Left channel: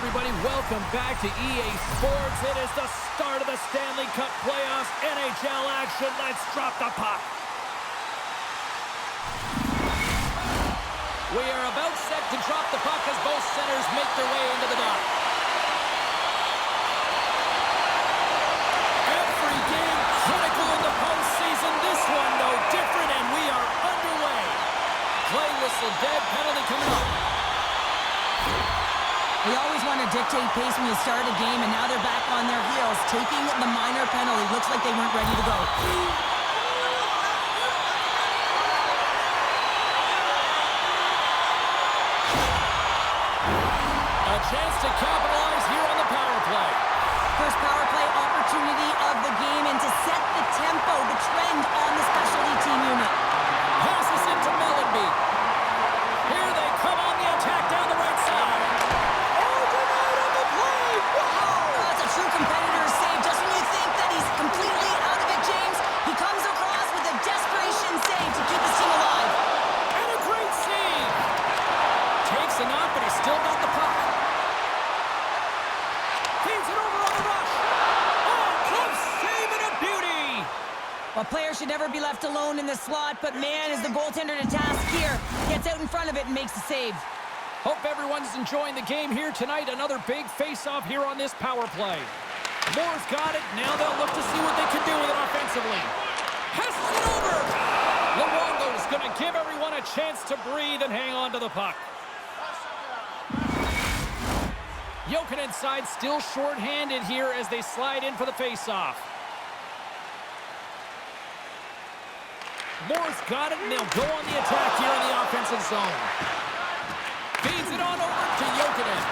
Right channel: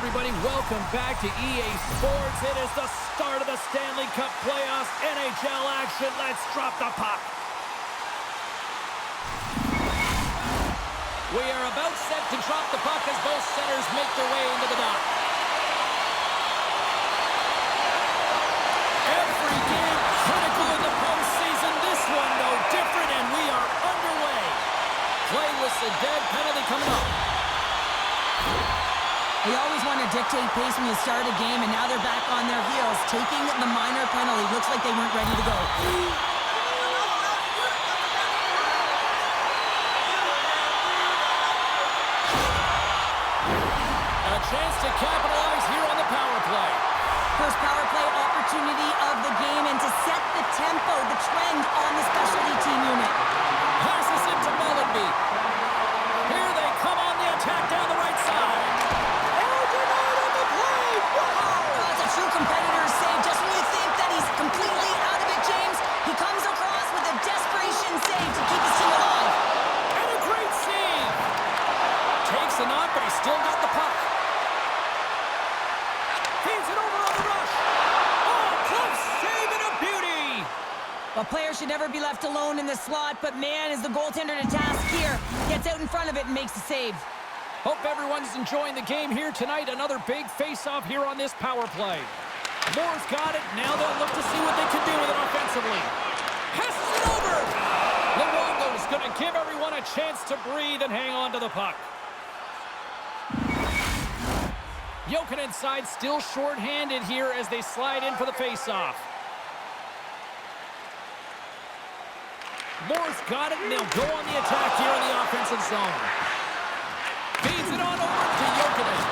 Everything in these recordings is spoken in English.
everybody. Welcome back to EA Sports. It is the start of the Stanley Cup playoffs. NHL action. Let's drop the puck. We are about set to drop the puck as both centers make their way into the dock. Every game critical in the postseason. This one no different, and we are underway. Play whistle dead. Penalty coming up. They always want to dictate pace when you start a game, and now they're back on their heels, taking the minor penalty. Looks like they weren't ready to go. A chance to capitalize here on the power play. First power play opportunity of the game, and to set the tempo, the trend on the specialty team unit. Passes it to Mellenby. Here they come on the attack down the right side. True competitor's save. Just when you think that he's completely out of it, James, he comes across with a desperation save to keep his team alive. And a great save. Takes a knock, but he's still got the puck. Feeds it over on the rush. Oh, close save and a beauty. A player should never be left alone in the slot, but man, is the goaltender to task here. Gets out in front of it and makes the save. Hope everyone's enjoying the game here tonight. Another big face-off here on this power play. Moore's got it. Now they'll look to see what they can do with it offensively. Passes it over. Luongo's going to give everyone a chance to breathe and hang on to the puck. Jokinen side still short-handed here as they slide in for the face-off. Moore's got it, and they'll go on the attack here in the offensive zone. Feeds it on over to Jokinen.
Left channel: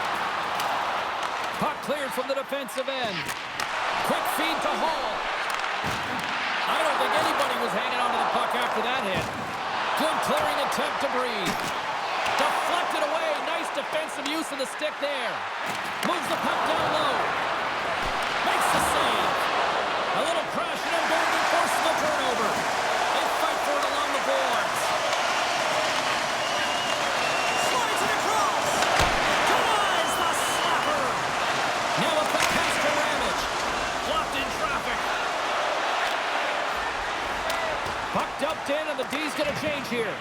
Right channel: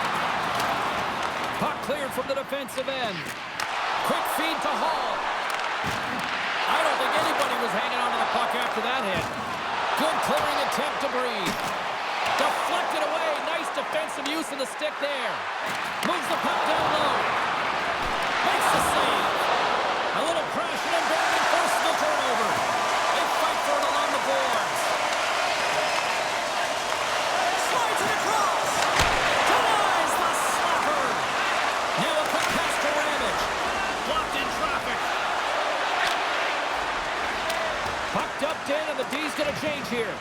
Puck cleared from the defensive end. Quick feed to Hall. I don't think anybody was hanging onto the puck after that hit. Good clearing attempt to breathe. Deflected away. Nice defensive use of the stick there. Moves the puck down low. Makes the save. A little crashing and banging forces the turnover. They fight for it along the boards. Puck dumped in, and the D's going to change here.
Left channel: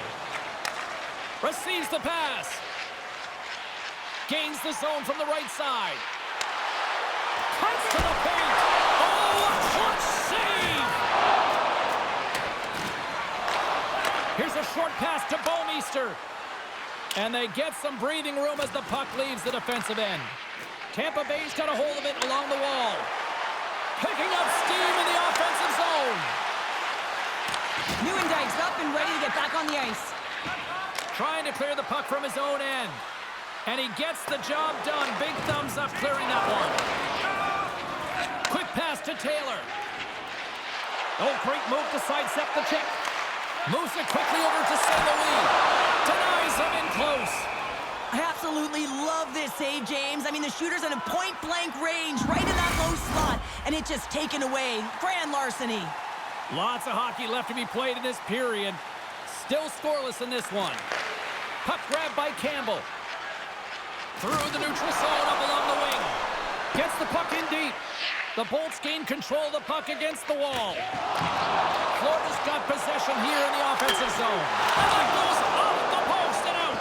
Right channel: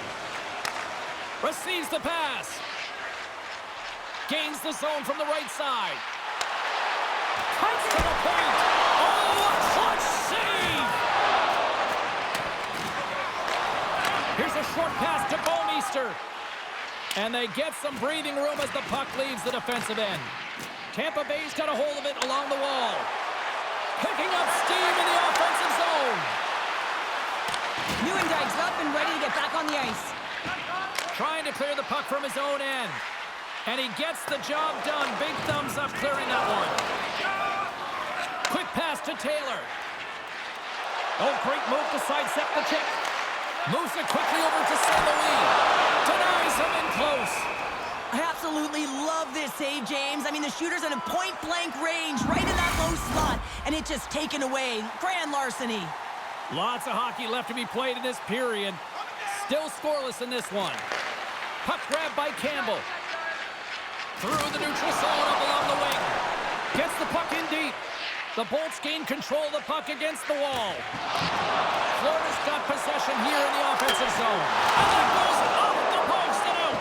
Receives the pass. Gains the zone from the right side. Cuts to the paint. Oh, a clutch save! Here's a short pass to Bouwmeester. And they get some breathing room as the puck leaves the defensive end. Tampa Bay's got a hold of it along the wall. Picking up steam in the offensive zone. Nieuwendyke's up and ready to get back on the ice. Trying to clear the puck from his own end. And he gets the job done. Big thumbs up clearing that one. Quick pass to Taylor. Oh, great move to sidestep the check. Moves it quickly over to St. Louis. Denies him in close. I absolutely love this save, James. I mean, the shooter's in a point-blank range right in that low slot, and it's just taken away. Grand larceny. Lots of hockey left to be played in this period. Still scoreless in this one. Puck grab by Campbell. Through the neutral zone up along the wing. Gets the puck in deep. The Bolts gain control of the puck against the wall. Florida's got possession here in the offensive zone. And that goes off the post and out.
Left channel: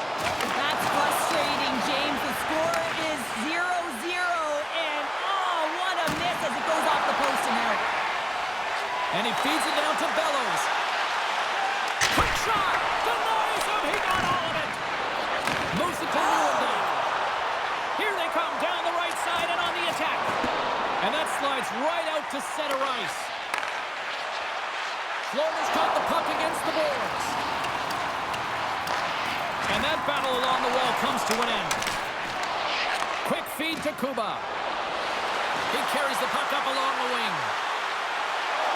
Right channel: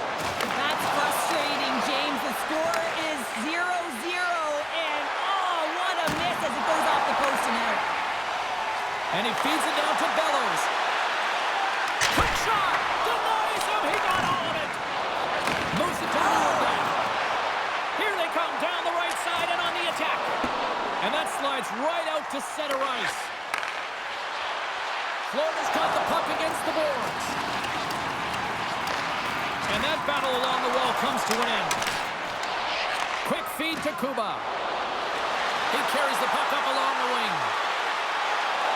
That's frustrating, James. The score is 0-0, and oh, what a miss as it goes off the post and out. And he feeds it down to Bellows. Quick shot! Denies him! He got all of it! Moves it to Nieuwendyke. Here they come down the right side and on the attack. And that slides right out to center ice. Florida's got the puck against the boards. And that battle along the wall comes to an end. Quick feed to Kuba. He carries the puck up along the wing.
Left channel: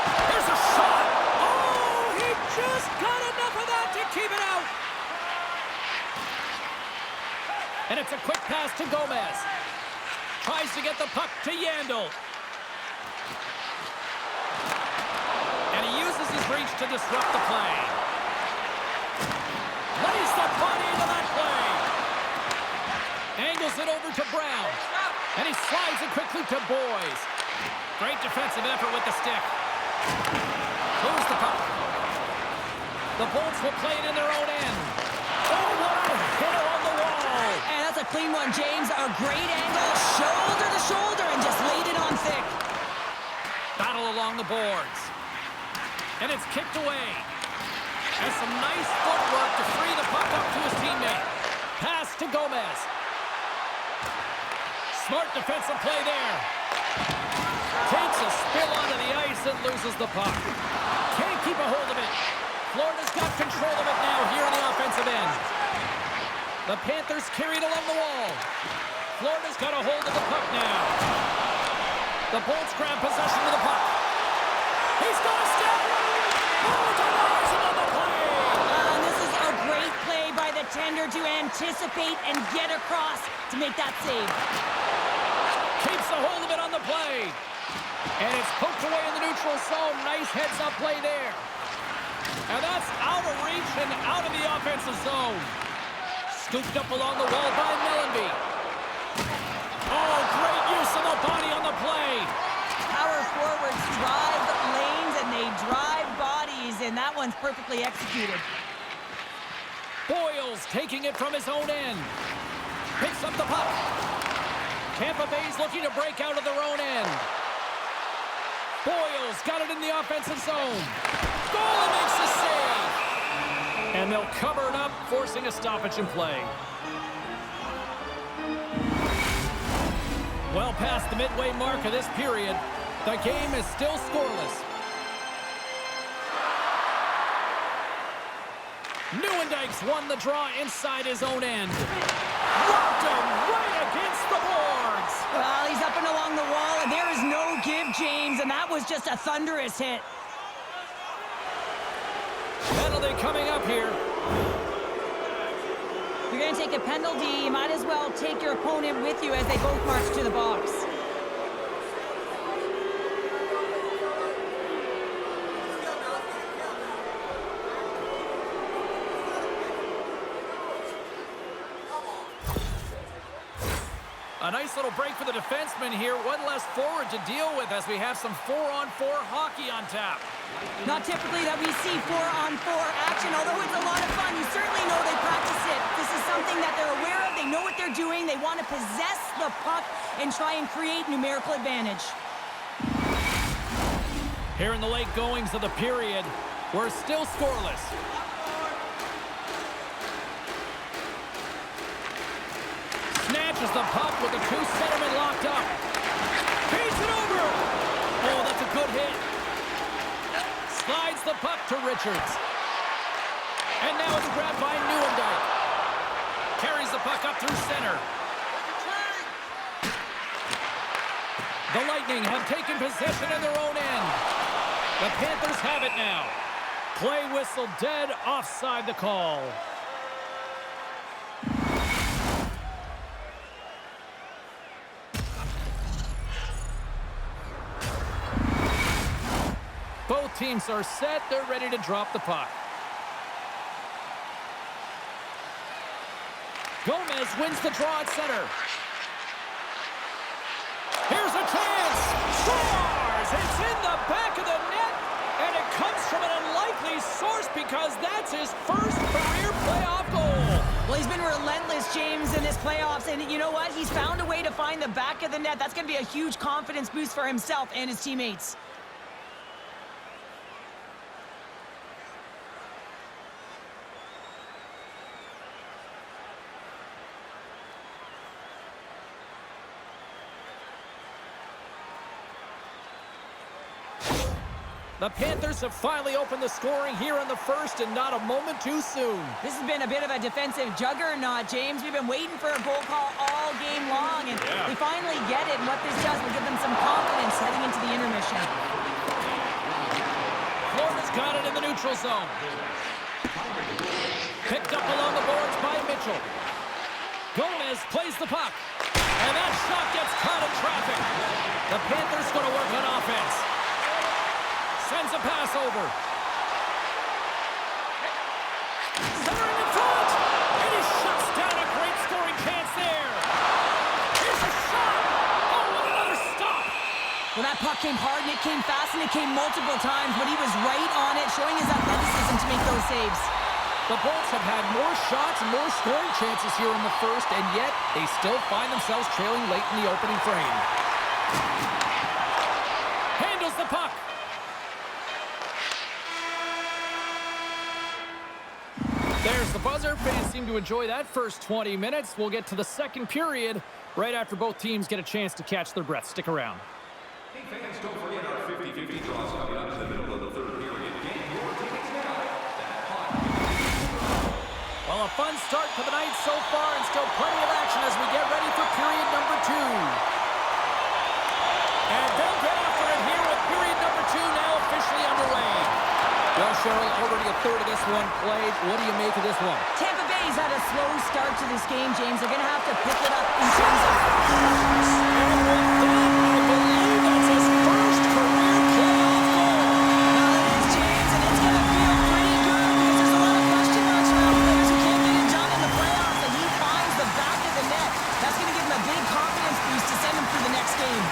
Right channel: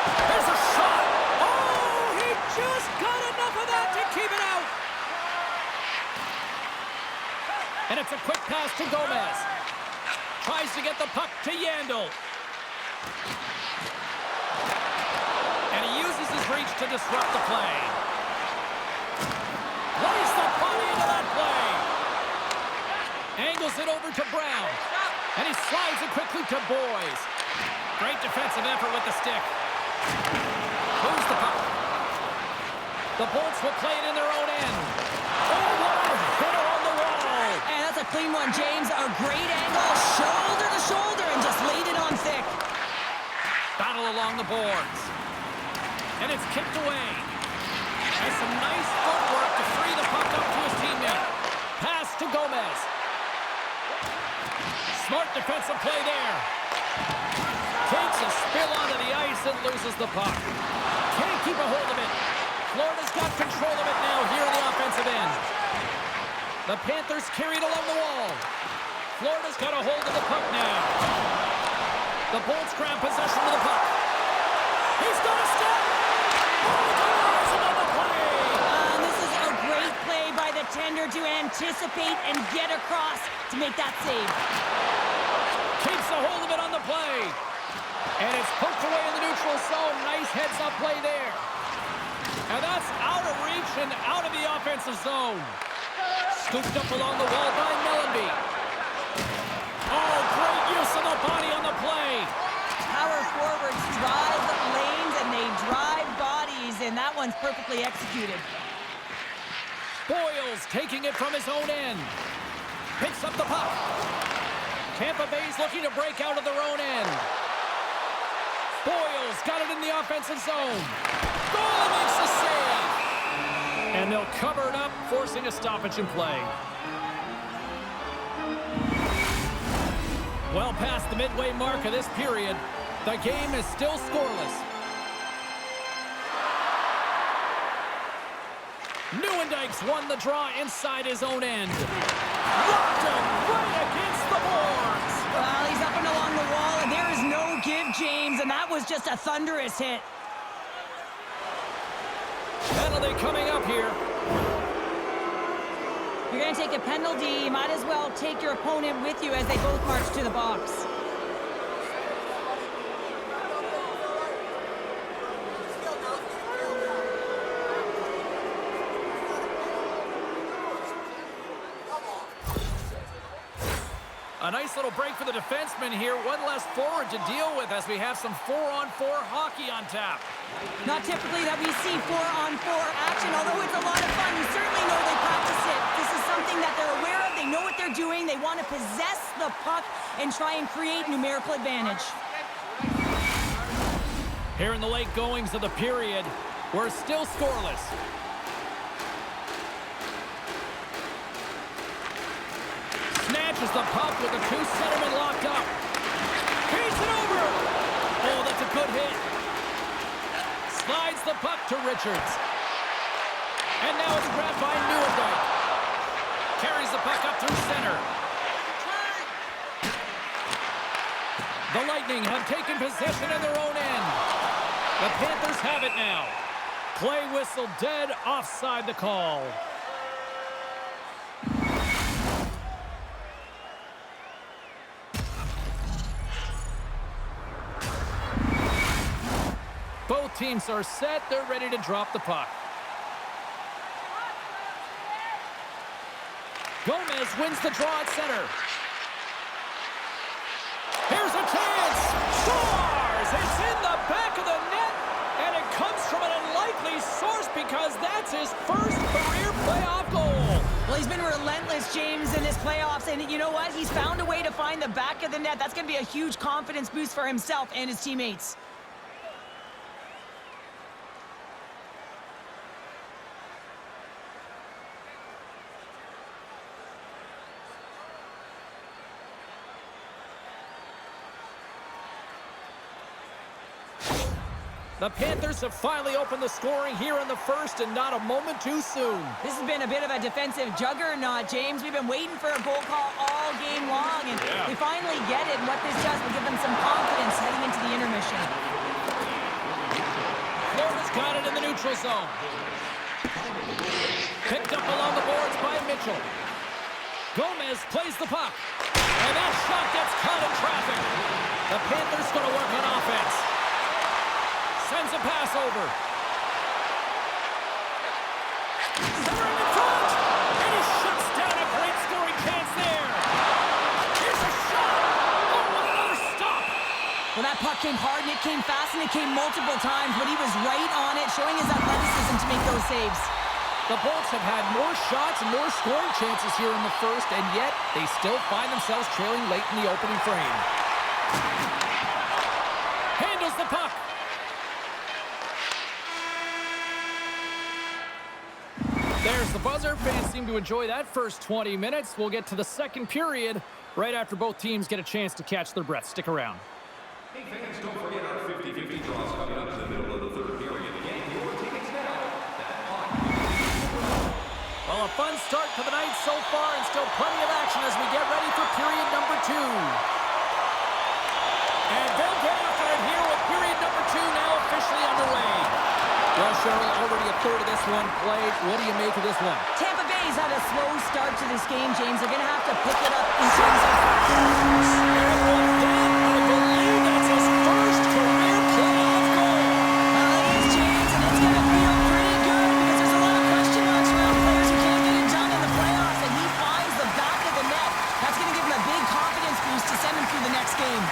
Here's a shot. Oh, he just got enough of that to keep it out. And it's a quick pass to Gomez. Tries to get the puck to Yandel. And he uses his reach to disrupt the play. Lays the body into that play. Angles it over to Brown. And he slides it quickly to Boys. Great defensive effort with the stick. Moves the puck. The Bolts will play it in their own end. Oh, what a hitter on the wall. And that's a clean one, James. A great angle, shoulder to shoulder, and just laid it on thick. Battle along the boards. And it's kicked away. Has some nice footwork to free the puck up to his teammate. Pass to Gomez. Smart defensive play there. Takes a spill onto the ice and loses the puck. Can't keep a hold of it. Florida's got control of it now here in the offensive end. The Panthers carried along the wall. Florida's got a hold of the puck now. The Bolts grab possession of the puck. He's got a step. Oh, denies him on the play. And this is a great play by the tender to anticipate and get across to make that save. Keeps a hold of it on the play. And it's poked away in the neutral zone. Nice heads-up play there. And that's out of reach and out of the offensive zone. Scooped up along the wall by Mellenby. Oh, great use of the body on the play. Power forwards drive lanes and they drive bodies, and that one's perfectly executed. Boyles taking it from his own end. Picks up the puck. Tampa Bay's looking to break out of their own end. Boyles got it in the offensive zone. Goalie makes the save. And they'll cover it up, forcing a stoppage in play. Well past the midway mark of this period, the game is still scoreless. Nieuwendyke's won the draw inside his own end. Locked him right against the boards. Well, he's up and along the wall, and there is no give, James, and that was just a thunderous hit. Penalty coming up here. If you're going to take a penalty, you might as well take your opponent with you as they both march to the box. A nice little break for the defenseman here. One less forward to deal with as we have some 4-on-4 hockey on tap. Not typically that we see 4-on-4 action, although it's a lot of fun. You certainly know they practice it. This is something that they're aware of. They know what they're doing. They want to possess the puck and try and create numerical advantage. Here in the late goings of the period, we're still scoreless. Snatches the puck with the two centermen locked up. Feeds it over. Oh, that's a good hit. Slides the puck to Richards. And now it's grabbed by Nieuwendyke. Carries the puck up through center. The Lightning have taken possession in their own end. The Panthers have it now. Play whistle dead, offside the call. Both teams are set. They're ready to drop the puck. Gomez wins the draw at center. Here's a chance. Scores! It's in the back of the net, and it comes from an unlikely source because that's his first career playoff goal. Well, he's been relentless, James, in this playoffs, and you know what? He's found a way to find the back of the net. That's going to be a huge confidence boost for himself and his teammates. The Panthers have finally opened the scoring here in the first, and not a moment too soon. This has been a bit of a defensive juggernaut, James. We've been waiting for a goal call all game long, and we finally get it. And what this does will give them some confidence heading into the intermission. Florida's got it in the neutral zone. Picked up along the boards by Mitchell. Gomez plays the puck. And that shot gets caught in traffic. The Panthers going to work on offense. Sends a pass over. Centering in front. And he shuts down a great scoring chance there. Here's a shot. puck came hard, and it came fast, and it came multiple times, but he was right on it, showing his athleticism to make those saves. The Bolts have had more shots and more scoring chances here in the first, and yet they still find themselves trailing late in the opening frame. Handles the puck. There's the buzzer. Fans seem to enjoy that first 20 minutes. We'll get to the second period right after both teams get a chance to catch their breath. Stick around. Hey fans, don't forget our 50-50 draws coming up in the middle of the third period. Get your tickets now. That puck. Well, a fun start to the night so far, and still plenty of action as we get ready for period number 2. And they'll get after it here with period number 2 now officially underway. Well, Cheryl, already a third of this one played. What do you make of this one? Tampa Bay's had a slow start to this game, James. They're going to have to pick it up in terms of... And with that, I believe that's his first career playoff goal. Well, it is, James, and it's going to feel pretty good because there's a lot of question marks around players who can't get it done in the playoffs, and he finds the back of the net. That's going to give him a big confidence boost to send him through the next game.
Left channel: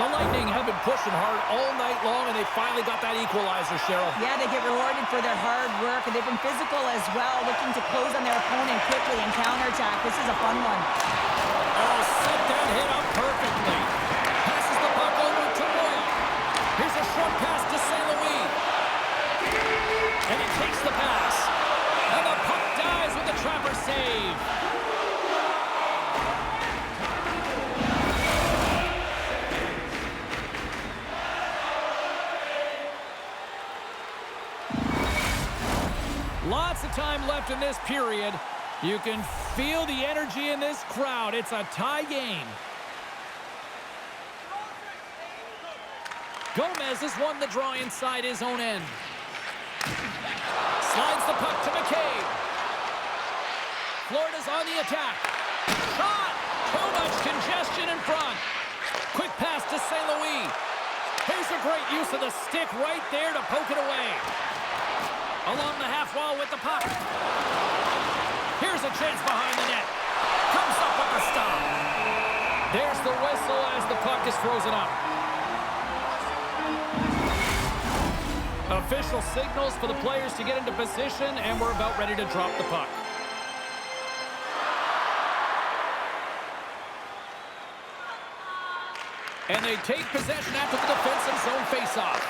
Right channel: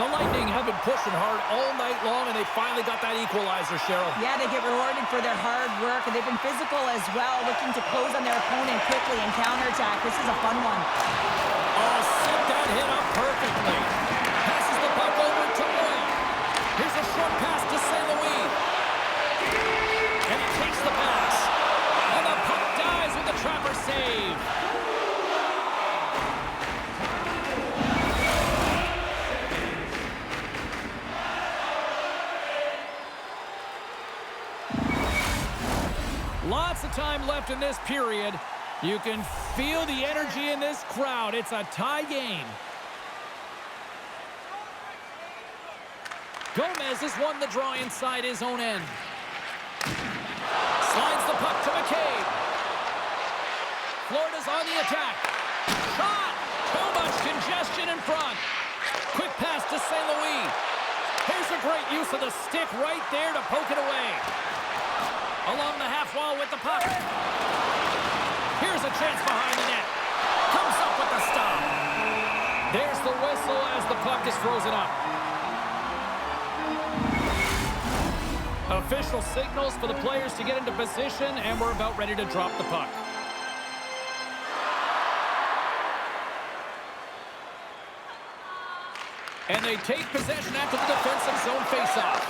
The Lightning have been pushing hard all night long, and they finally got that equalizer, Cheryl. Yeah, they get rewarded for their hard work, and they've been physical as well, looking to close on their opponent quickly and counterattack. This is a fun one. Oh, set that hit up perfectly. Passes the puck over to Roy. Here's a short pass to St. Louis. And he takes the pass. And the puck dies with the trapper save. Lots of time left in this period. You can feel the energy in this crowd. It's a tie game. Gomez has won the draw inside his own end. Slides the puck to McCabe. Florida's on the attack. Shot! Too much congestion in front. Quick pass to St. Louis. Here's a great use of the stick right there to poke it away. Along the half wall with the puck. Here's a chance behind the net. Comes up with the stop. There's the whistle as the puck is frozen up. Official signals for the players to get into position, and we're about ready to drop the puck. And they take possession after the defensive zone faceoff.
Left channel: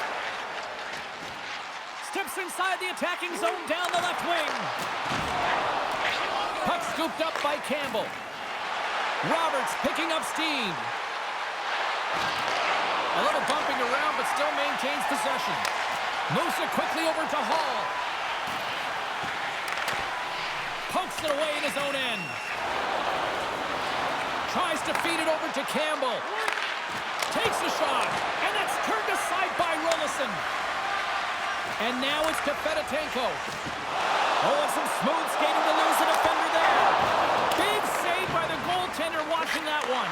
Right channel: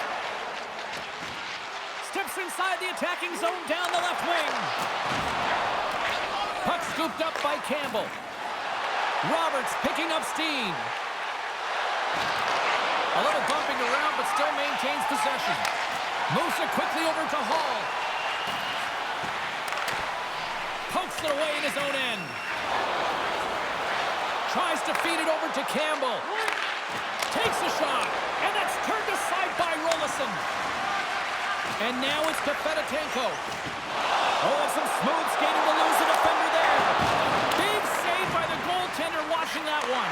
Steps inside the attacking zone down the left wing. Puck scooped up by Campbell. Roberts picking up steam. A little bumping around, but still maintains possession. Moves it quickly over to Hall. Pokes it away in his own end. Tries to feed it over to Campbell. Takes a shot, and that's turned aside by Rolison. And now it's to Fedotenko. Oh, and some smooth skating to lose a defender there. Big save by the goaltender watching that one.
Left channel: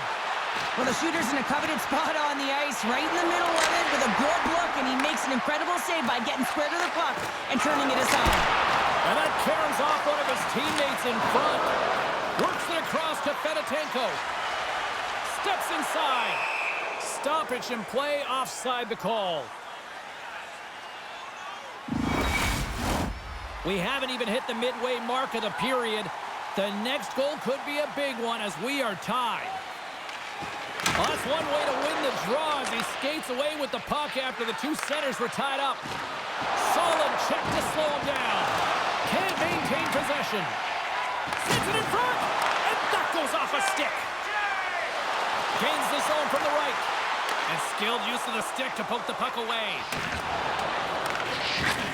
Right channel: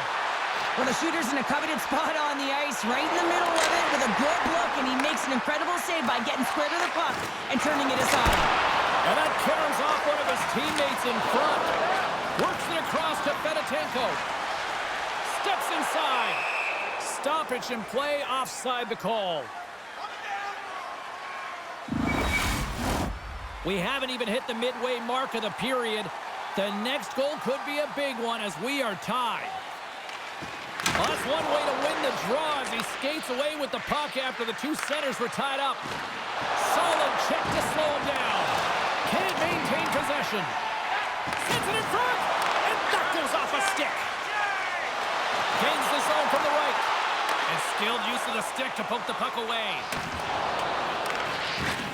Well, the shooter's in a coveted spot on the ice, right in the middle of it with a good look, and he makes an incredible save by getting square to the puck and turning it aside. And that caroms off one of his teammates in front. Works it across to Fedotenko. Steps inside. Stoppage in play, offside the call. We haven't even hit the midway mark of the period. The next goal could be a big one as we are tied. Well, that's one way to win the draw as he skates away with the puck after the two centers were tied up. Solid check to slow him down. Can't maintain possession. Sends it in front, and that goes off a stick. Gains the zone from the right. And skilled use of the stick to poke the puck away.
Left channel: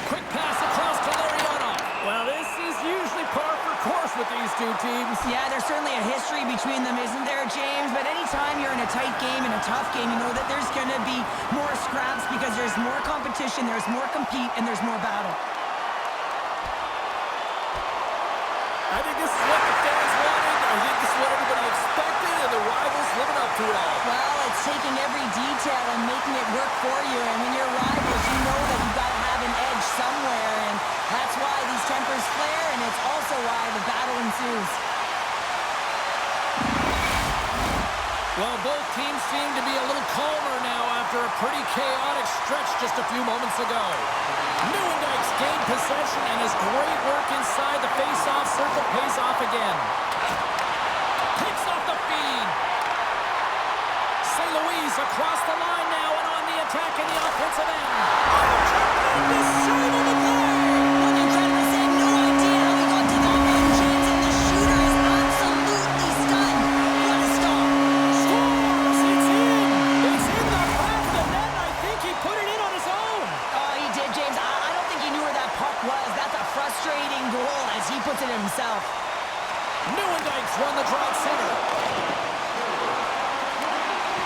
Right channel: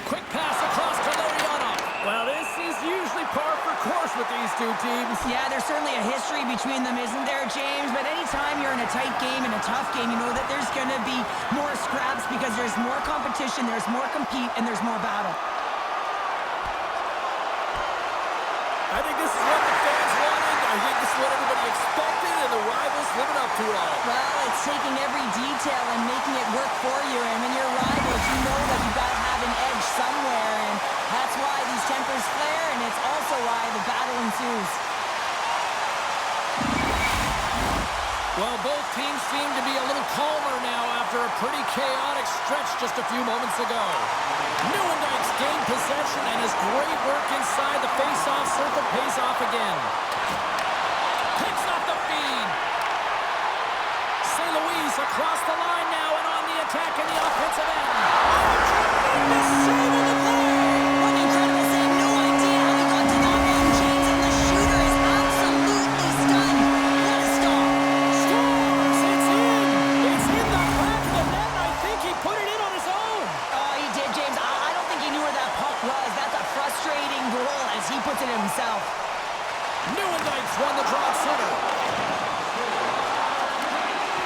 Quick pass across to Lariano. Well, this is usually par for course with these two teams. Yeah, there's certainly a history between them, isn't there, James? But anytime you're in a tight game, in a tough game, you know that there's going to be more scraps because there's more competition, there's more compete, and there's more battle. I think this is what the fans wanted. I think this is what everybody expected, and the rivals living up to it all. Well, it's taking every detail and making it work for you. And when you're rivals, you know that you've got to have have an edge somewhere, and that's why these tempers flare, and it's also why the battle ensues. Well, both teams seem to be a little calmer now after a pretty chaotic stretch just a few moments ago. Nieuwendyk's gained possession, and his great work inside the face-off circle pays off again. Picks off the feed. St. Louis across the line now and on the attack in the offensive end. Oh, tremendous save on the play! What an incredible save. No idea how he got to that one, James, and the shooter is absolutely stunned. What a stop. Scores! It's in! It's in the back of the net, and I think he put it in on his own. Oh, he did, James. I don't think he knew where that puck was. That's a frustrating goal as he puts it himself. Nieuwendyk's won the draw at center.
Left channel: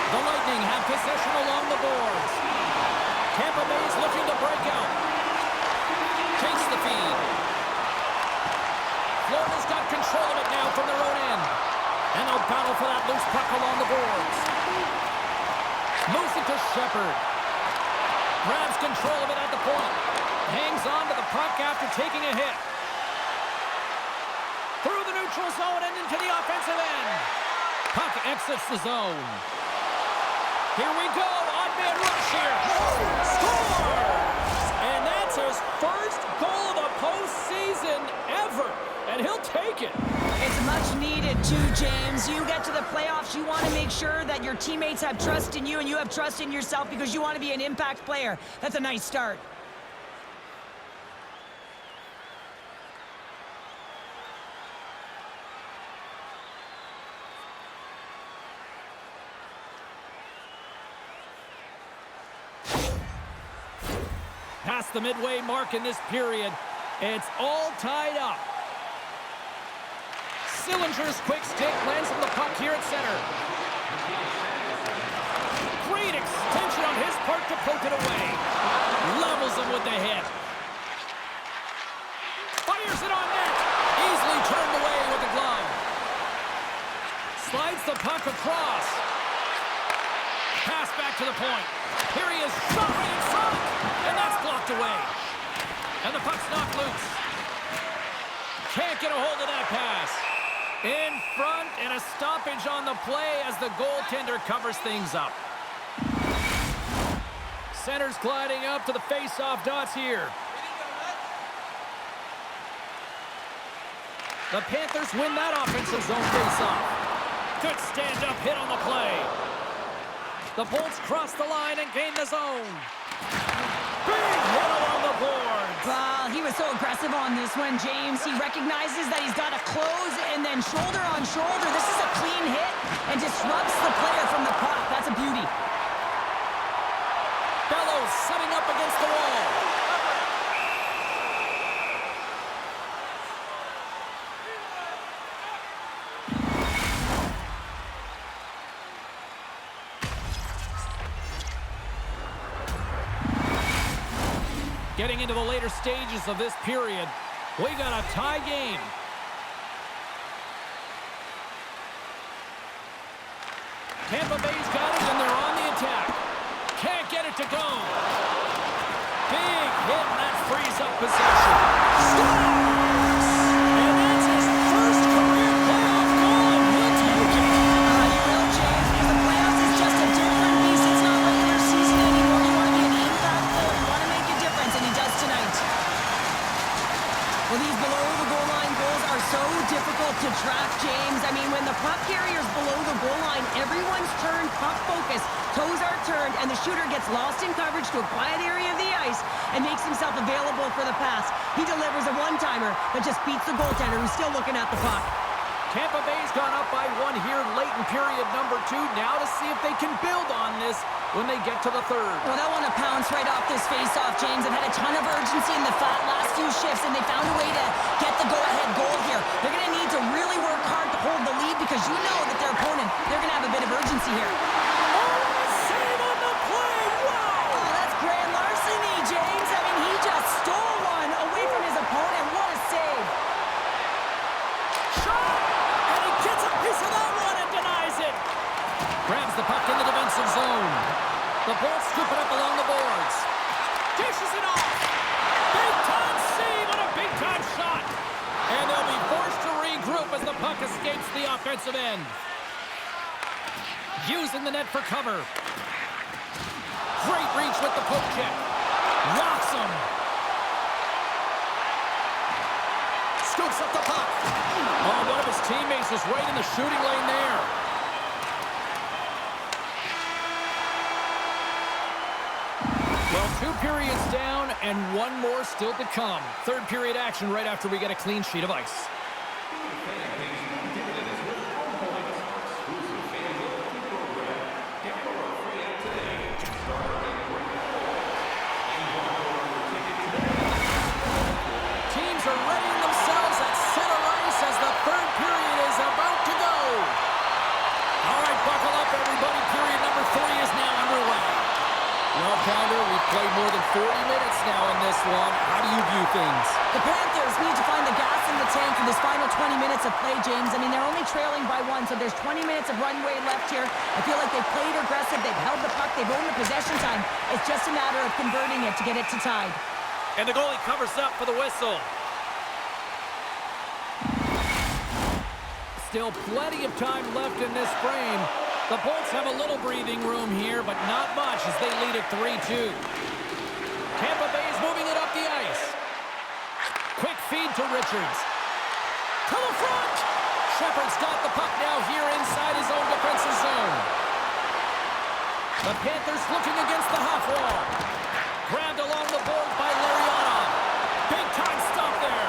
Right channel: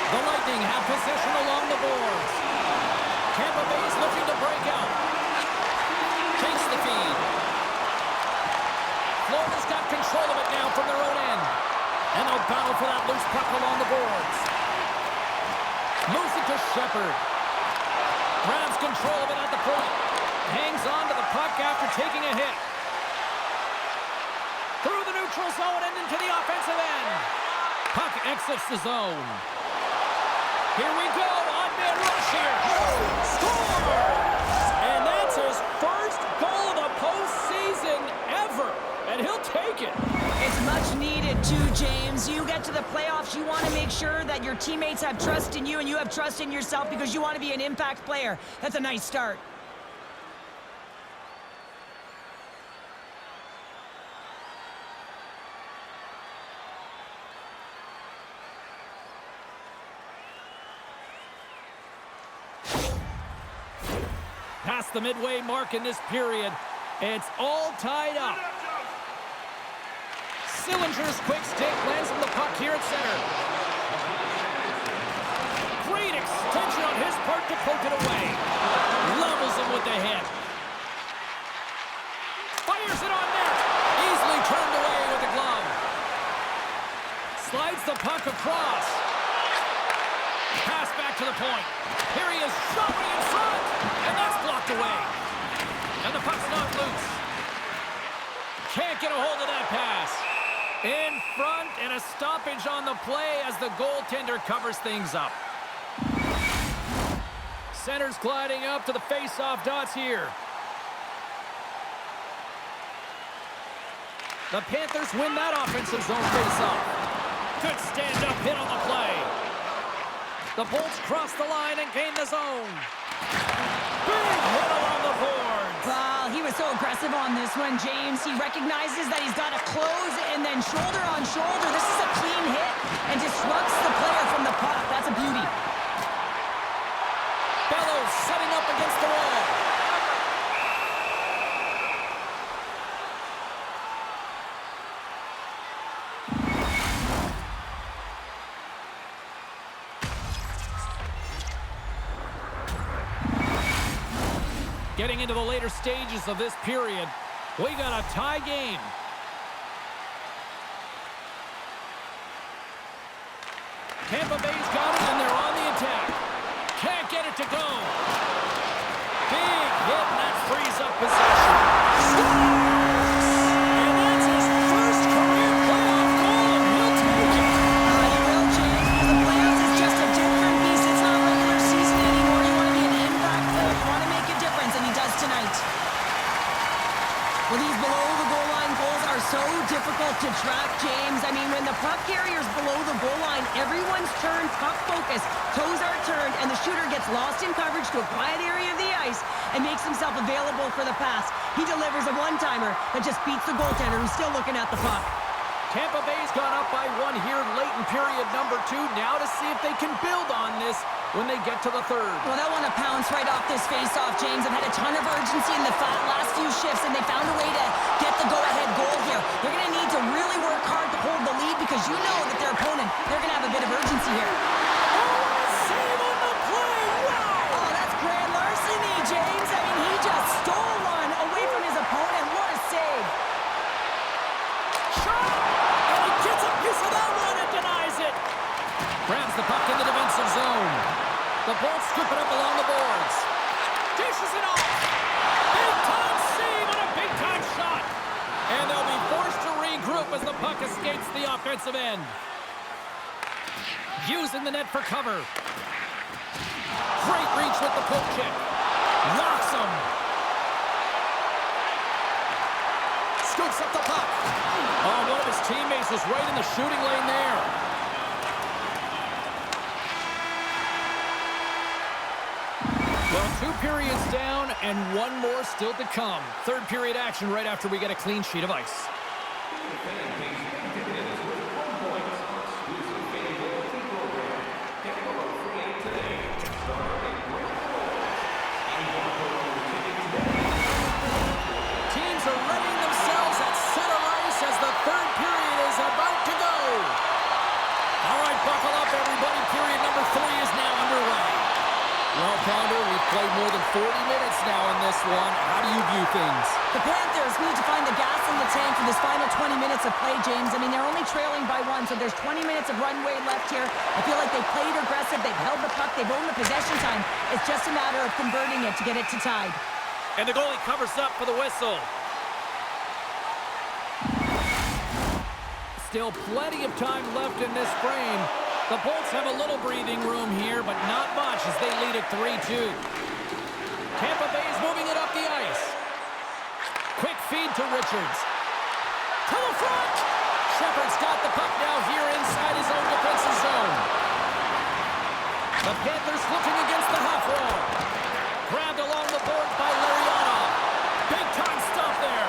The Lightning have possession along the boards. Tampa Bay's looking to break out. Takes the feed. Florida's got control of it now from their own end. And they'll battle for that loose puck along the boards. Moves it to Shepherd. Grabs control of it at the point. Hangs on to the puck after taking a hit. Through the neutral zone and into the offensive end. Puck exits the zone. Here we go. Odd man rush here. Scores! And that's his first goal of the postseason ever. And he'll take it. It's much needed too, James. You get to the playoffs, you want to make sure that your teammates have trust in you and you have trust in yourself because you want to be an impact player. That's a nice start. Past the midway mark in this period, it's all tied up. Sillinger's quick stick lands on the puck here at center. Great extension on his part to poke it away. Levels him with the hit. Fires it on net. Easily turned away with the glove. Slides the puck across. Pass back to the point. Here he is, shot right in front. And that's blocked away. And the puck's knocked loose. Can't get a hold of that pass. In front, and a stoppage on the play as the goaltender covers things up. Center's gliding up to the face-off dots here. The Panthers win that offensive zone face-off. Good stand-up hit on the play. The Bolts cross the line and gain the zone. Big hit along the boards. Well, he was so aggressive on this one, James. He recognizes that he's got to close and then shoulder on shoulder. This is a clean hit and disrupts the player from the puck. That's a beauty. Bellows setting up against the wall. Getting into the later stages of this period, we got a tie game. Tampa Bay's got it, and they're on the attack. Can't get it to go. Big hit, and that frees up possession. Scores! And that's his first career playoff goal, and he'll take it. You will, James, because the playoffs is just a different beast. It's not regular season anymore. You want to be an impact player. You want to make a difference, and he does tonight. Well, these below-the-goal-line goals are so difficult to track, James. I mean, when the puck carrier's below the goal line, everyone's turned puck focus, toes are turned, and the shooter gets lost in coverage to a quiet area of the ice and makes himself available for the pass. He delivers a one-timer that just beats the goaltender who's still looking at the puck. Tampa Bay's gone up by one here late in period number 2. Now to see if they can build on this when they get to the third. Well, they'll want to pounce right off this face-off, James. They've had a ton of urgency in the last few shifts, and they found a way to get the go-ahead goal here. They're going to need to really work hard to hold the lead because you know that their opponent, they're going to have a bit of urgency here. Oh, a save on the play! Wow! Oh, that's grand larceny, James. I mean, he just stole one away from his opponent. What a save. Shot! And he gets a piece of that one and denies it. Grabs the puck in the defensive zone. The Bolts scoop it up along the boards. Dishes it off. Big-time save on a big-time shot. And they'll be forced to regroup as the puck escapes the offensive end. Using the net for cover. Great reach with the poke check. Locks him. Scoops up the puck. Oh, one of his teammates was right in the shooting lane there. Well, 2 periods down and 1 more still to come. Third period action right after we get a clean sheet of ice. Teams are readying themselves at center ice as the third period is about to go. All right, buckle up, everybody. Period number 3 is now underway. Well, Pounder, we've played more than 40 minutes now in this one. How do you view things? The Panthers need to find the gas in the tank for this final 20 minutes of play, James. I mean, they're only trailing by 1, so there's 20 minutes of runway left here. I feel like they've played aggressive, they've held the puck, they've owned the possession time. It's just a matter of converting it to get it to tied. And the goalie covers up for the whistle. Still plenty of time left in this frame. The Bolts have a little breathing room here, but not much as they lead at 3-2. Tampa Bay is moving it up the ice. Quick feed to Richards. To the front! Shepard's got the puck now here inside his own defensive zone. The Panthers looking against the half wall. Grabbed along the boards by Lariana. Big time stop there.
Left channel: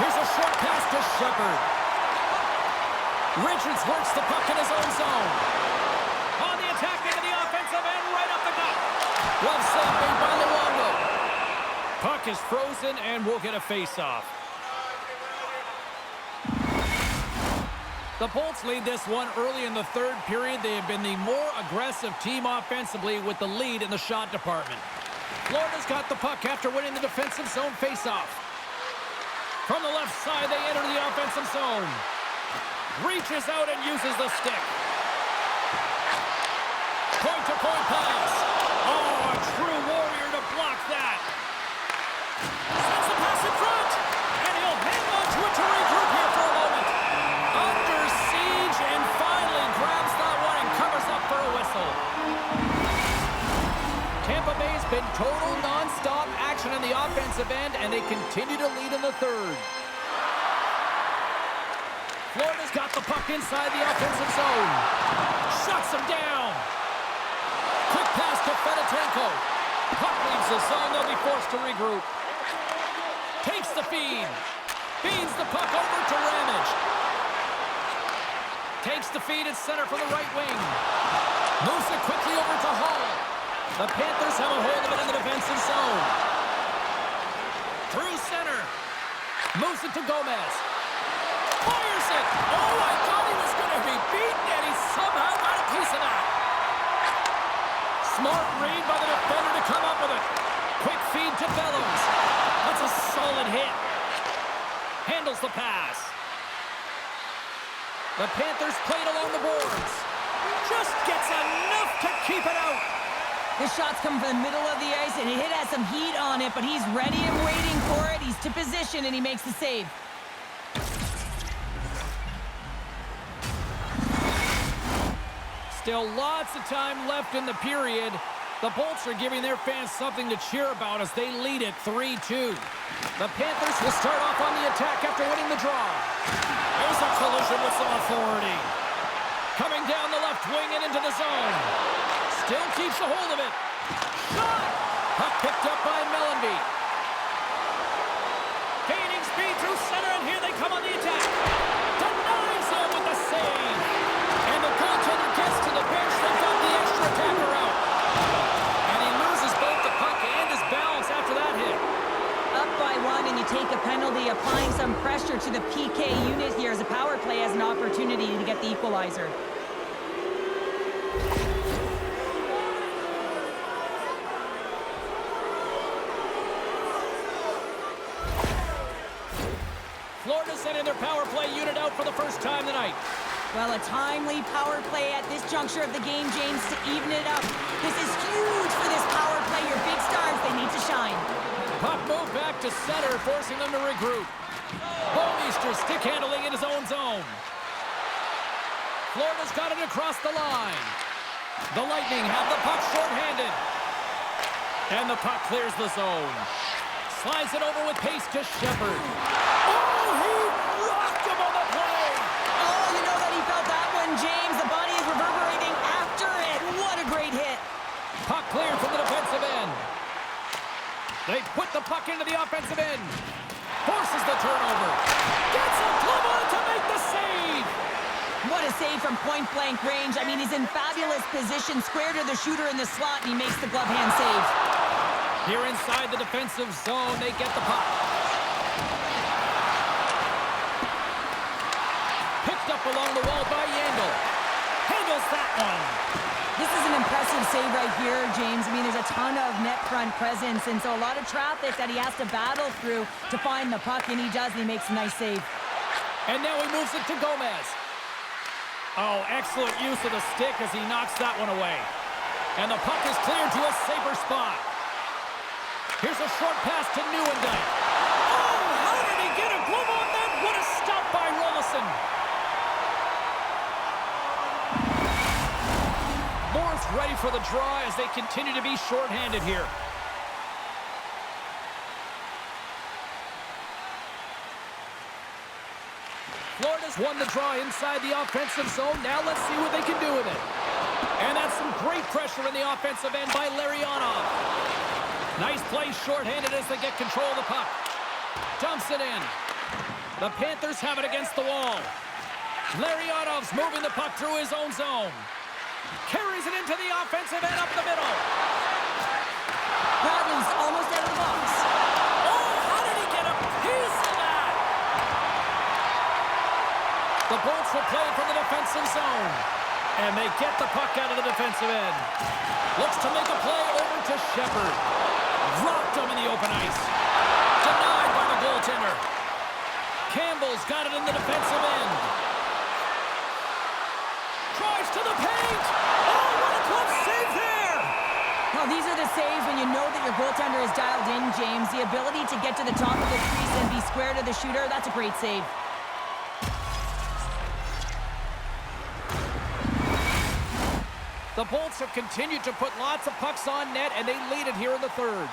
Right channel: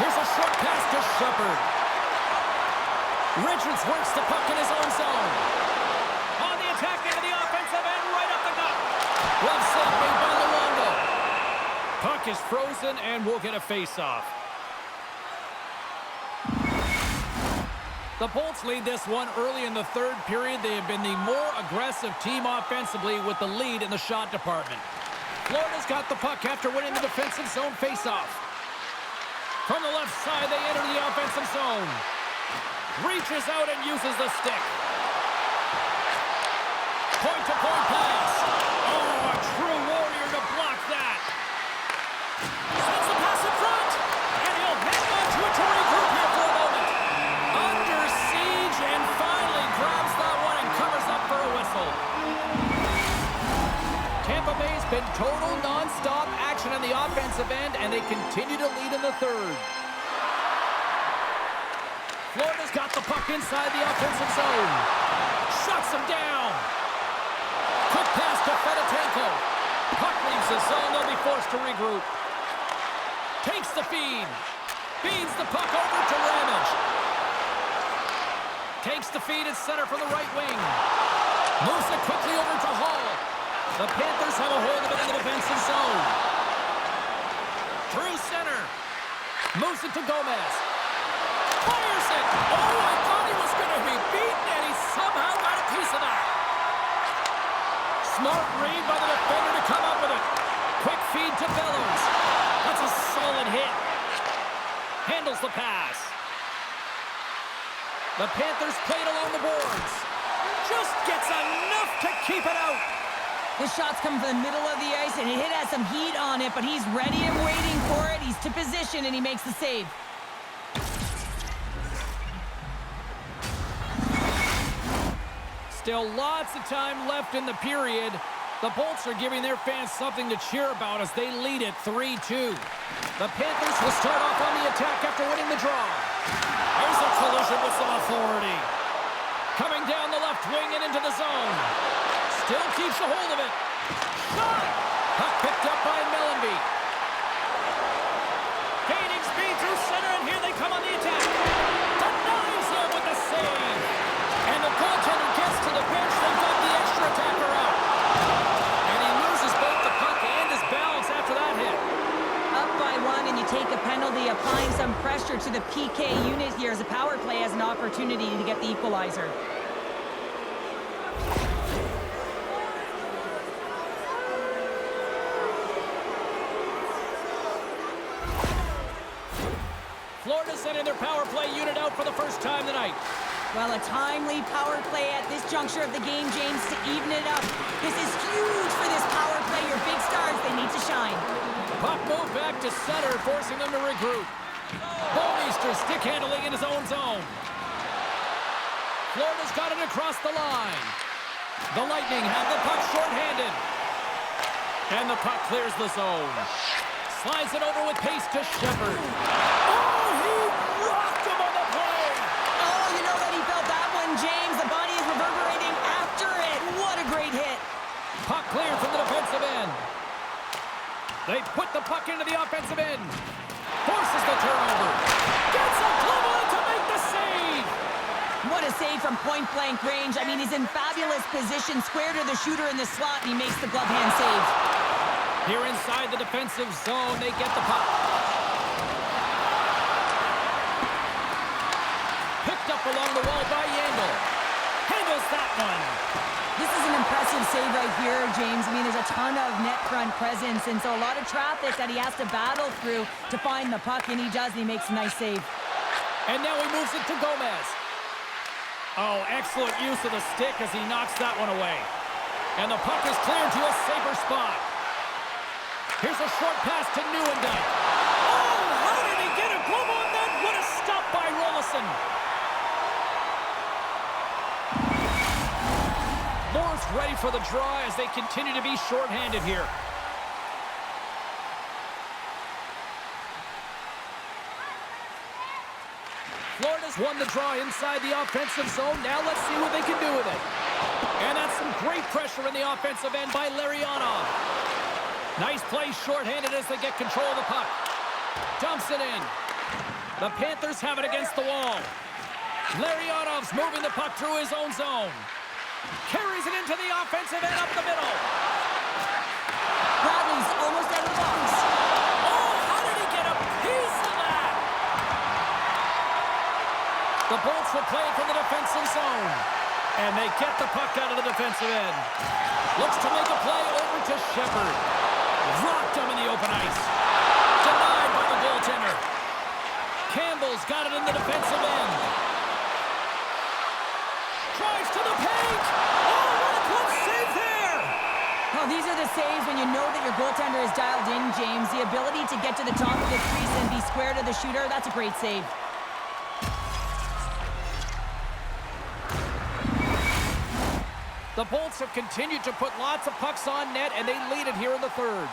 Here's a short pass to Shepard. Richards works the puck in his own zone. On the attack into the offensive end, right up the gut. Glove save made by Luongo. Puck is frozen and we'll get a face-off. The Bolts lead this one early in the third period. They have been the more aggressive team offensively with the lead in the shot department. Florida's got the puck after winning the defensive zone face-off. From the left side, they enter the offensive zone. Reaches out and uses the stick. Point-to-point pass. Oh, a true warrior to block that. Sends the pass in front. And he'll hang on to it to regroup here for a moment. Under siege and finally grabs that one and covers up for a whistle. Tampa Bay's been total non-stop action on the offensive end, and they continue to lead in the third. Florida's got the puck inside the offensive zone. Shuts him down. Quick pass to Fedotenko. Puck leaves the zone. They'll be forced to regroup. Takes the feed. Feeds the puck over to Ramage. Takes the feed at center from the right wing. Moves it quickly over to Hall. The Panthers have a hold of it in the defensive zone. Through center. Moves it to Gomez. Fires it! Oh, I thought he was going to be beaten, and he somehow got a piece of that. Smart read by the defender to come up with it. Quick feed to Bellows. That's a solid hit. Handles the pass. The Panthers played along the boards. Just gets enough to keep it out. This shot's coming from the middle of the ice, and it has some heat on it, but he's ready and waiting for it. He's to position, and he makes the save. Still lots of time left in the period. The Bolts are giving their fans something to cheer about as they lead it 3-2. The Panthers will start off on the attack after winning the draw. There's a collision with some authority. Coming down the left wing and into the zone. Still keeps a hold of it. Shot! Puck picked up by Mellenby. Gaining speed through center, and here they come on the attack. Denies him with the save. And the goaltender gets to the bench. They've got the extra attacker out. And he loses both the puck and his balance after that hit. Up by 1, and you take a penalty, applying some pressure to the PK unit here as a power play has an opportunity to get the equalizer. Florida sending their power play unit out for the first time tonight. Well, a timely power play at this juncture of the game, James, to even it up. This is huge for this power play. Your big stars, they need to shine. Puck moved back to center, forcing them to regroup. Bouwmeester stick handling in his own zone. Florida's got it across the line. The Lightning have the puck shorthanded. And the puck clears the zone. Slides it over with pace to Shepherd. Oh, he rocked him on the play! Oh, you know that he felt that one, James. The body is reverberating after it. What a great hit. Puck cleared from the defensive end. They put the puck into the offensive end. Forces the turnover. Gets a glove on to make the save. What a save from point-blank range. I mean, he's in fabulous position, square to the shooter in the slot, and he makes the glove hand save. Here inside the defensive zone, they get the puck. Picked up along the wall by Yandel. Handles that one. This is an impressive save right here, James. I mean, there's a ton of net front presence, and so a lot of traffic that he has to battle through to find the puck, and he does, and he makes a nice save. And now he moves it to Gomez. Oh, excellent use of the stick as he knocks that one away. And the puck is cleared to a safer spot. Here's a short pass to Nieuwendyk. Oh, how did he get a glove on that? What a stop by Rolison. Moore's ready for the draw as they continue to be shorthanded here. Florida's won the draw inside the offensive zone. Now let's see what they can do with it. And that's some great pressure in the offensive end by Larionov. Nice play shorthanded as they get control of the puck. Dumps it in. The Panthers have it against the wall. Larionov's moving the puck through his own zone. Carries it into the offensive end up the middle. Bradley's almost out of the box. Oh, how did he get a piece of that? The Bolts will play it from the defensive zone. And they get the puck out of the defensive end. Looks to make a play over to Shepherd. Rocked him in the open ice. Denied by the goaltender. Campbell's got it in the defensive end. Tries to the paint. Oh, what a close save there. Well, these are the saves when you know that your goaltender is dialed in, James. The ability to get to the top of the crease and be square to the shooter, that's a great save. The Bolts have continued to put lots of pucks on net, and they lead it here in the third.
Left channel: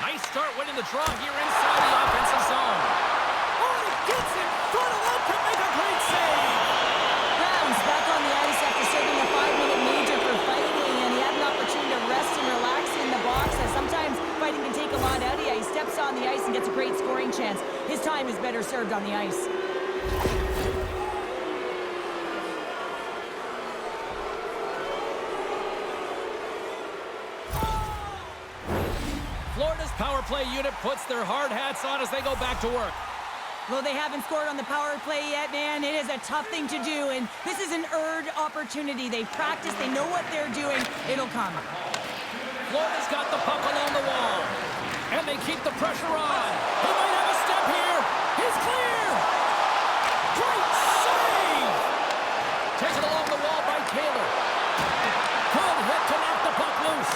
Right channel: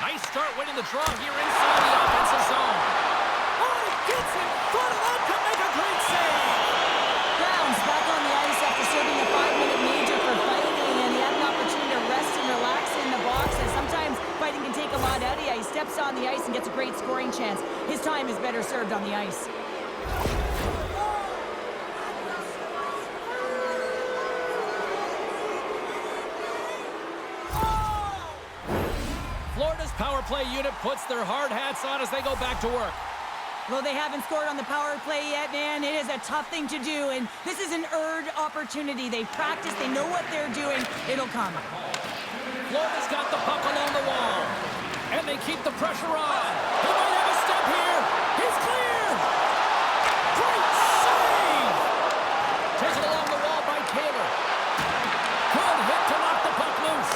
Nice start winning the draw here inside the offensive zone. Oh, and he gets in front of that to make a great save. Brown's back on the ice after serving a 5-minute major for fighting, and he had an opportunity to rest and relax in the box, as sometimes fighting can take a lot out of you. He steps on the ice and gets a great scoring chance. His time is better served on the ice. Florida's power play unit puts their hard hats on as they go back to work. Though they haven't scored on the power play yet, man, it is a tough thing to do, and this is an earned opportunity. They've practiced, they know what they're doing. It'll come. Florida's got the puck along the wall, and they keep the pressure on. He might have a step here. He's clear. Great save. Taken along the wall by Taylor. Good hit to knock the puck loose.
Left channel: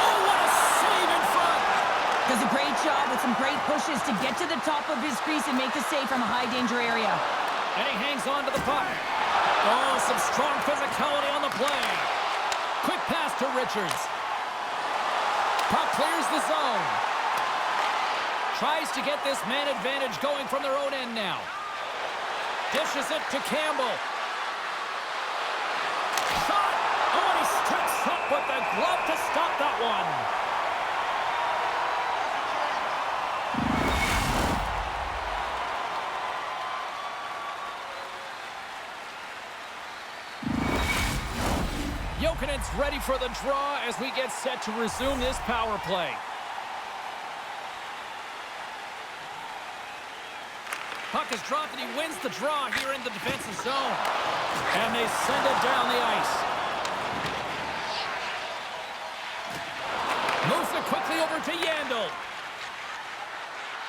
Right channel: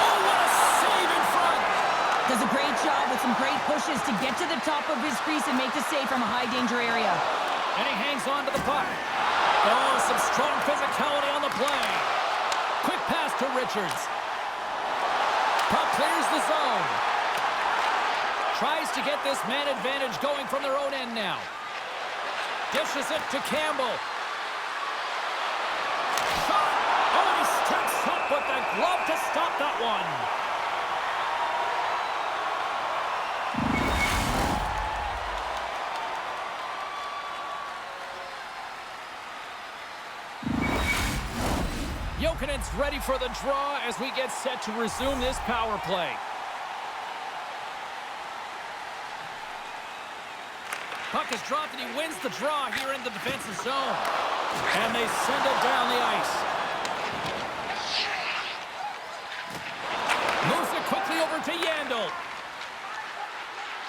Oh, what a save in front. Does a great job with some great pushes to get to the top of his crease and make the save from a high-danger area. And he hangs on to the puck. Oh, some strong physicality on the play. Quick pass to Richards. Puck clears the zone. Tries to get this man advantage going from their own end now. Dishes it to Campbell. Shot! Oh, and he steps up with the glove to stop that one. Jokinen's ready for the draw as we get set to resume this power play. Puck is dropped and he wins the draw here in the defensive zone. And they send it down the ice. Moves it quickly over to Yandel.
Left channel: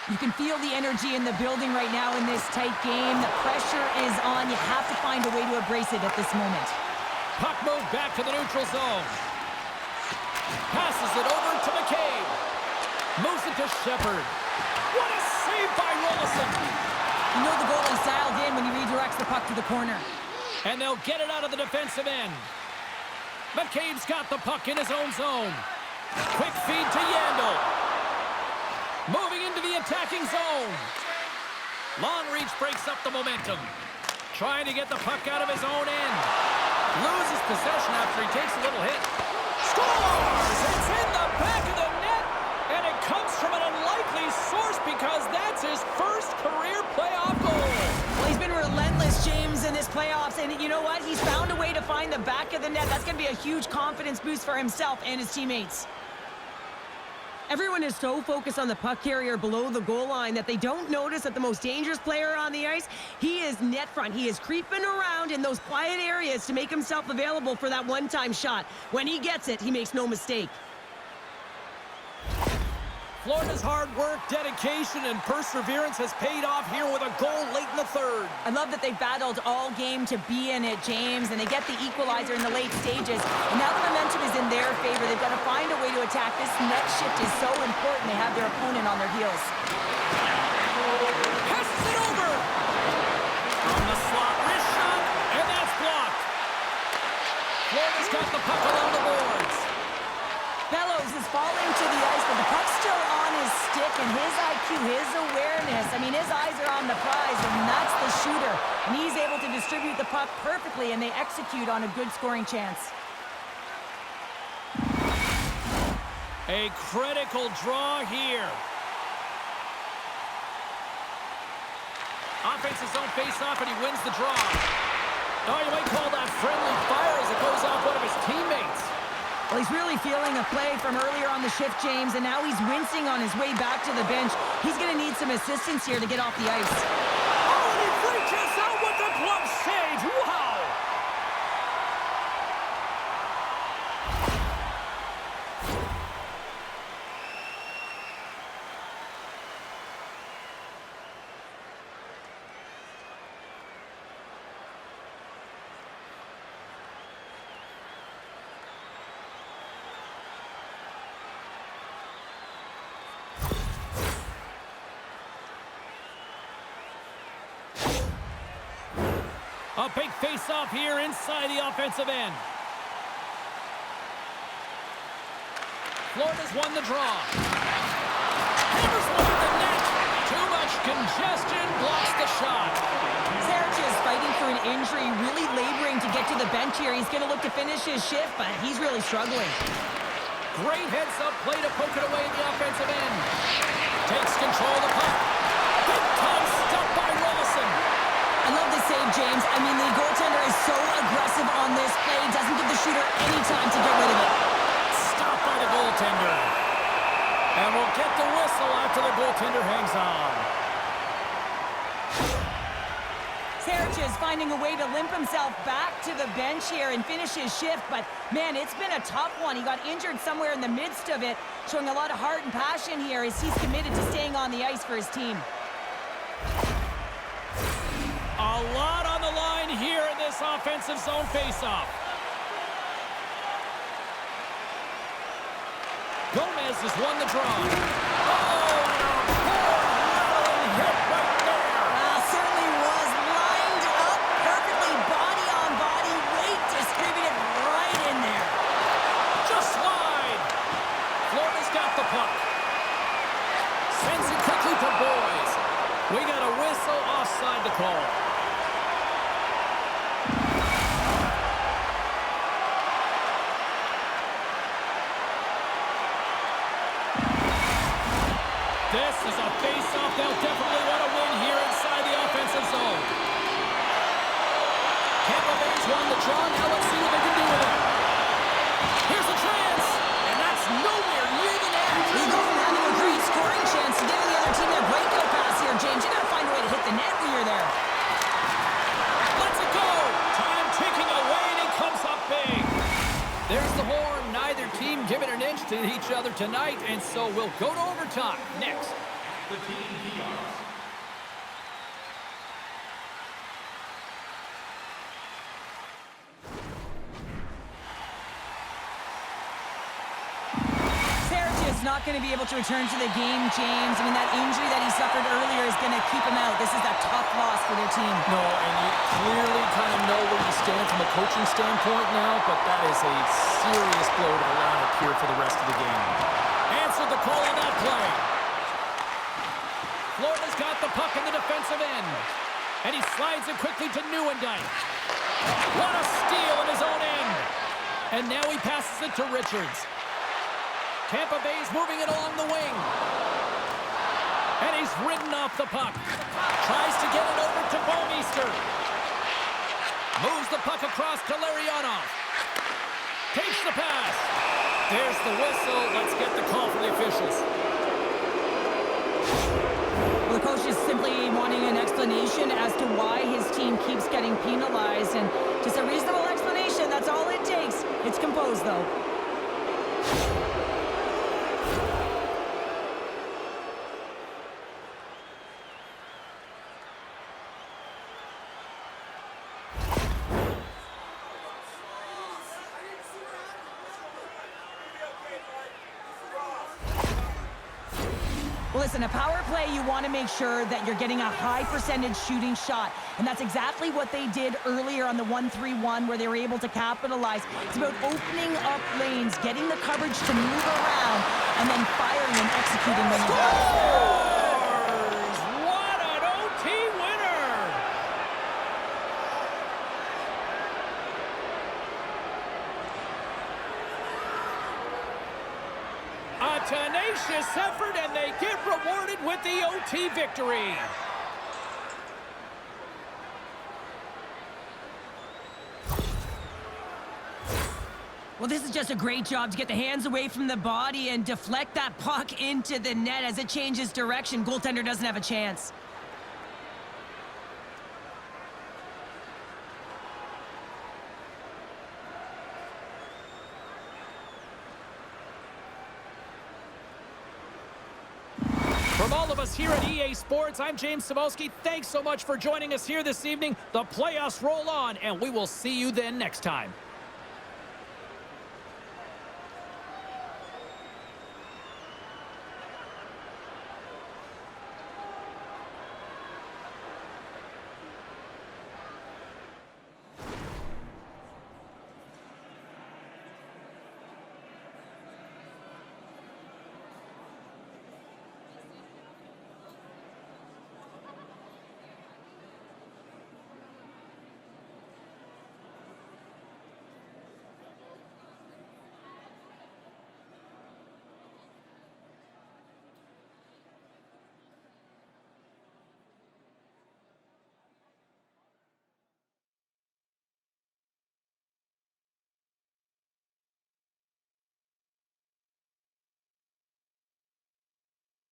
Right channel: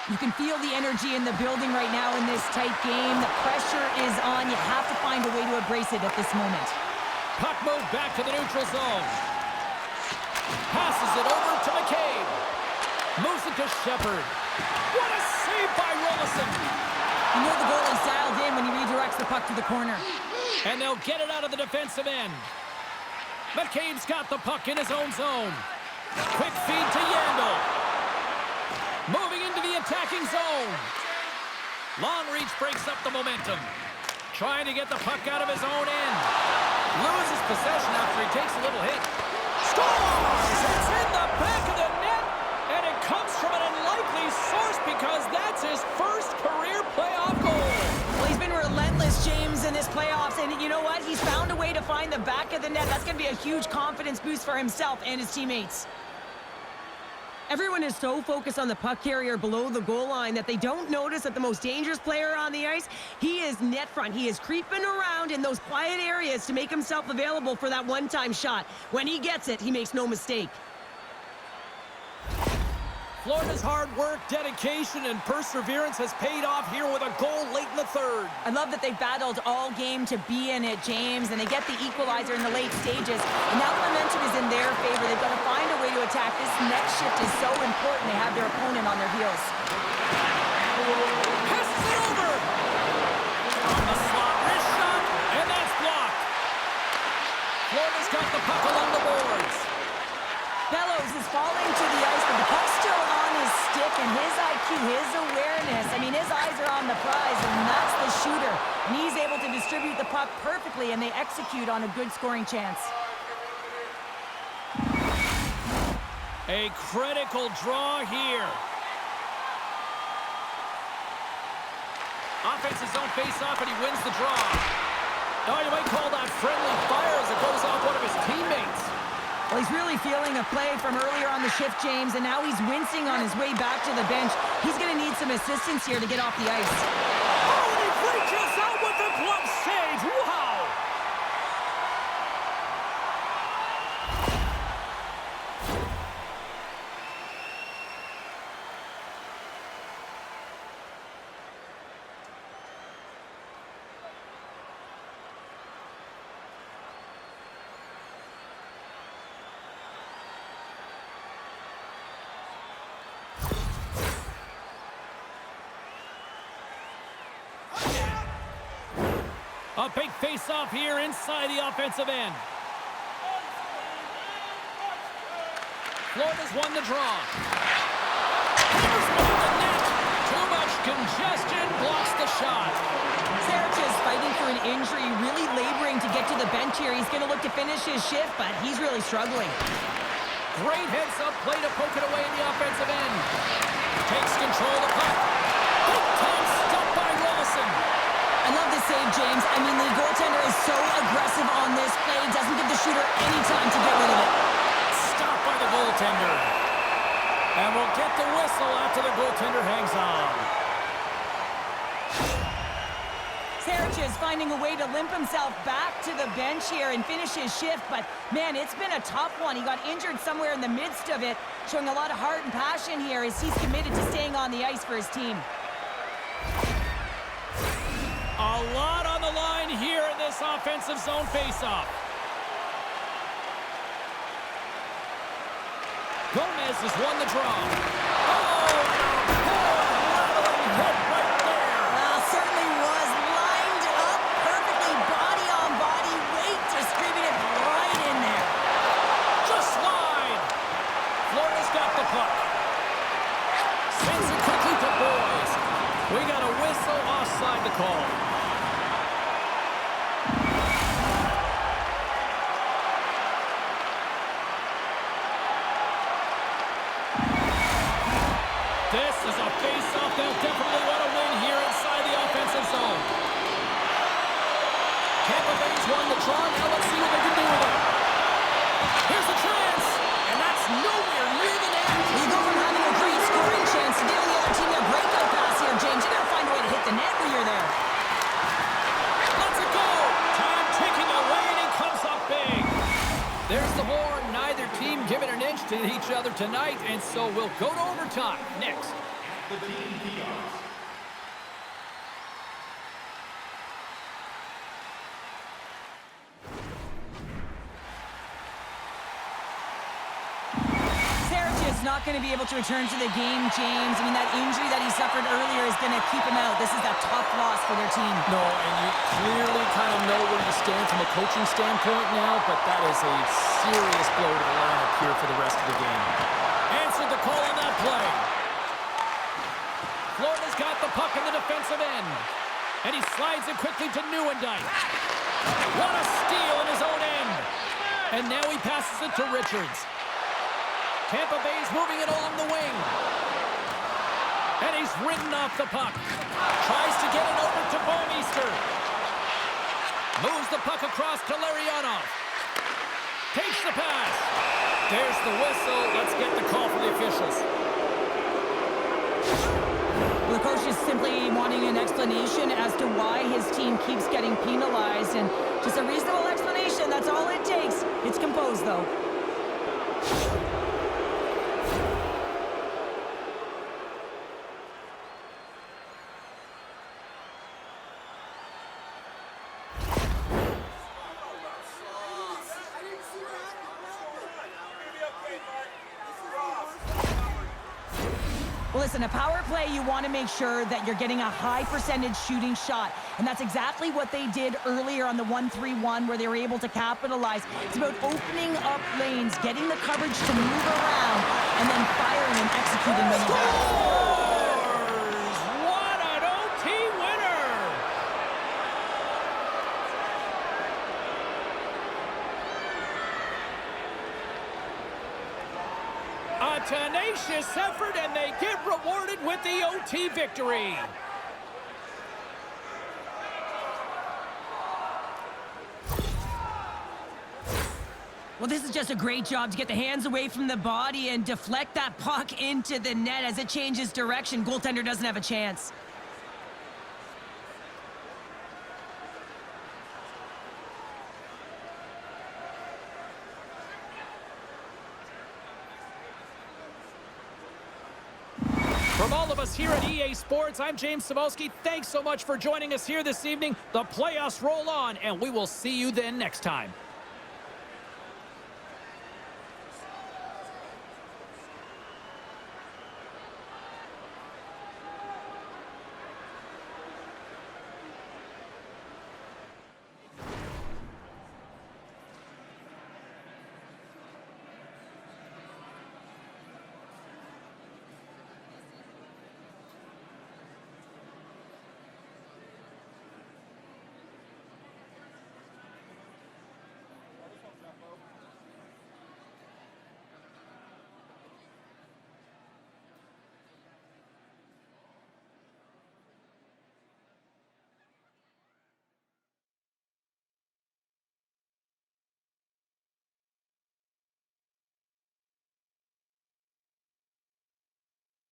You can feel the energy in the building right now in this tight game. The pressure is on. You have to find a way to embrace it at this moment. Puck moved back to the neutral zone. Passes it over to McCabe. Moves it to Shepherd. What a save by Rollison. You know the goalie's dialed in when he redirects the puck to the corner. And they'll get it out of the defensive end. McCabe's got the puck in his own zone. Quick feed to Yandel. Moving into the attacking zone. Long reach breaks up the momentum. Trying to get the puck out of his own end. Loses possession after he takes a little hit. Scores! It's in the back of the net, and it comes from an unlikely source because that's his first career playoff goal. Well, he's been relentless, James, in this playoffs, and you know what? He's found a way to find the back of the net. That's going to be a huge confidence boost for himself and his teammates. Everyone is so focused on the puck carrier below the goal line that they don't notice that the most dangerous player on the ice, he is net front. He is creeping around in those quiet areas to make himself available for that one-time shot. When he gets it, he makes no mistake. Florida's hard work, dedication, and perseverance has paid off here with a goal late in the third. I love that they battled all game to be in it, James, and they get the equalizer in the late stages. And now the momentum is in their favor. They've got to find a way to attack. This next shift is so important. They have their opponent on their heels. Passes it over. On the slot, wrist shot, and that's blocked. Florida's got the puck along the boards. Bellows is falling to the ice, but the puck's still on his stick, and his IQ, his awareness, I mean, his eyes are on the prize, and that's the shooter. And he's able to distribute the puck perfectly, and they execute on a good scoring chance. A critical draw here. Offensive zone face-off, and he wins the draw. Oh, you might call that friendly fire as it goes off one of his teammates. Well, he's really feeling a play from earlier on the shift, James, and now he's wincing on his way back to the bench. He's going to need some assistance here to get off the ice. Oh, and he reaches out with the glove save. Wow! A big face-off here inside the offensive end. Florida's won the draw. Hammers one at the net. Too much congestion, blocks the shot. Sarich is fighting through an injury, really laboring to get to the bench here. He's going to look to finish his shift, but he's really struggling. Great heads-up play to poke it away in the offensive end. Takes control of the puck. Big-time stop by Rollison. I love this save, James. I mean, the goaltender is so aggressive on this play. Doesn't give the shooter any time to get rid of it. Stopped by the goaltender. And we'll get the whistle after the goaltender hangs on. Sarich is finding a way to limp himself back to the bench here and finish his shift. But, man, it's been a tough one. He got injured somewhere in the midst of it, showing a lot of heart and passion here as he's committed to staying on the ice for his team. A lot on the line here in this offensive zone faceoff. Gomez has won the draw. Oh, and a board-rattling hit right there. Well, certainly was lined up perfectly, body on body, weight distributed right in there. Just wide. Florida's got the puck. Sends it quickly to Boys. We got a whistle offside the call. This is a face-off they'll definitely want to win here inside the offensive zone. Tampa Bay's won the draw. Now let's see what they can do with it. Here's the chance, and that's nowhere near the net. You go from having a great scoring chance to giving the other team their breakout pass here, James. You got to find a way to hit the net when you're there. Let's it go. Time ticking away, and he comes up big. There's the horn. Neither team giving an inch to each other tonight, and so we'll go to overtime next. the Team Peacocks. Not going to be able to return to the game, James. I mean, that injury that he suffered earlier is going to keep him out. This is a tough loss for their team. No, and you clearly kind of know where you stand from a coaching standpoint now, but that is a serious blow to the lineup here for the rest of the game. Answered the call on that play. Florida's got the puck in the defensive end, and he slides it quickly to Nieuwendyk. What a steal in his own end. And now he passes it to Richards. Tampa Bay's moving it along the wing. And he's ridden off the puck. Tries to get it over to Bouwmeester. Moves the puck across to Larionov. Takes the pass. There's the whistle. Let's get the call from the officials. Well, the coach is simply wanting an explanation as to why his team keeps getting penalized. And just a reasonable explanation, that's all it takes. It's composed, though. Well, listen, a power play, you want to make sure that you're getting a high percentage shooting shot. And that's exactly what they did earlier on the 1-3-1 where they were able to capitalize. It's about opening up lanes, getting the coverage to move around, and then firing and executing when you Scores! What an OT winner! A tenacious effort, and they get rewarded with the OT victory. Well, this is just a great job to get the hands away from the body and deflect that puck into the net. As it changes direction, goaltender doesn't have a chance. From all of us here at EA Sports, I'm James Cybulski. Thanks so much for joining us here this evening. The playoffs roll on, and we will see you then next time.